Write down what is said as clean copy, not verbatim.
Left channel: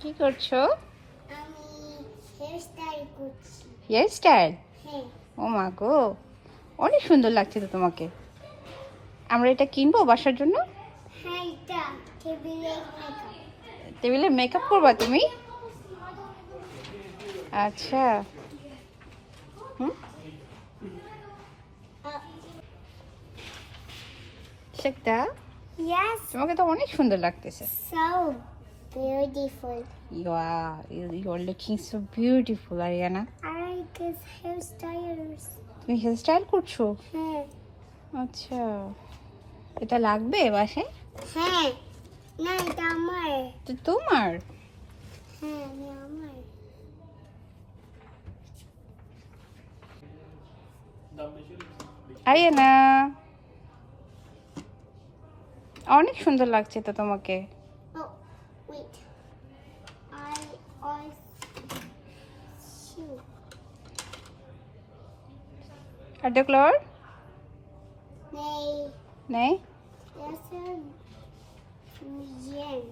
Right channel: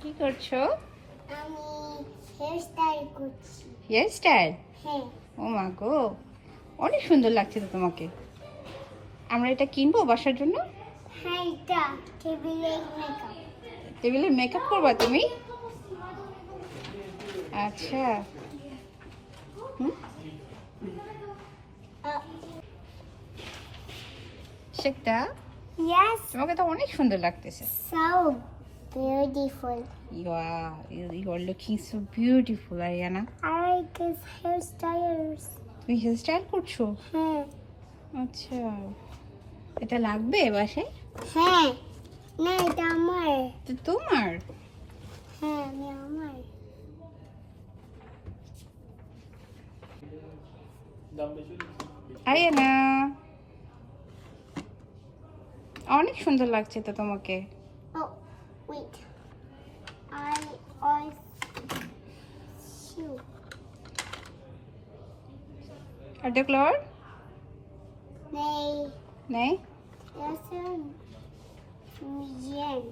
কি করছো? আমি হেয়ার স্টাইল করছি। Hairstyle? হ্যাঁ। ও মা গো, অনেক সুন্দর লাগছে তো তোমাকে। আমরা এটা কিনবো বাসার জন্য? হ্যাঁ, এটা টেবিলে মেকআপ। টেবিলে মেকআপ করবা তুমি? আচ্ছা। হুম, সেটা Yes, তোমাকে তো অনেক সুন্দর লাগতেছে। so beautiful. You are looking so beautiful, Ariana. I like his hairstyles. তুমি হেয়ার স্টাইল করছো? হ্যাঁ। আচ্ছা, এটা লাগবে বাসায়? হ্যাঁ। না, এটা আমার। তো তোমার? হ্যাঁ, আমার। আরিয়ানা, অনেক সুন্দর লাগছে তো তোমাকে। Oh, wait. I shoot. একটা কালার Nay. নেই? Yes, sir. Jen.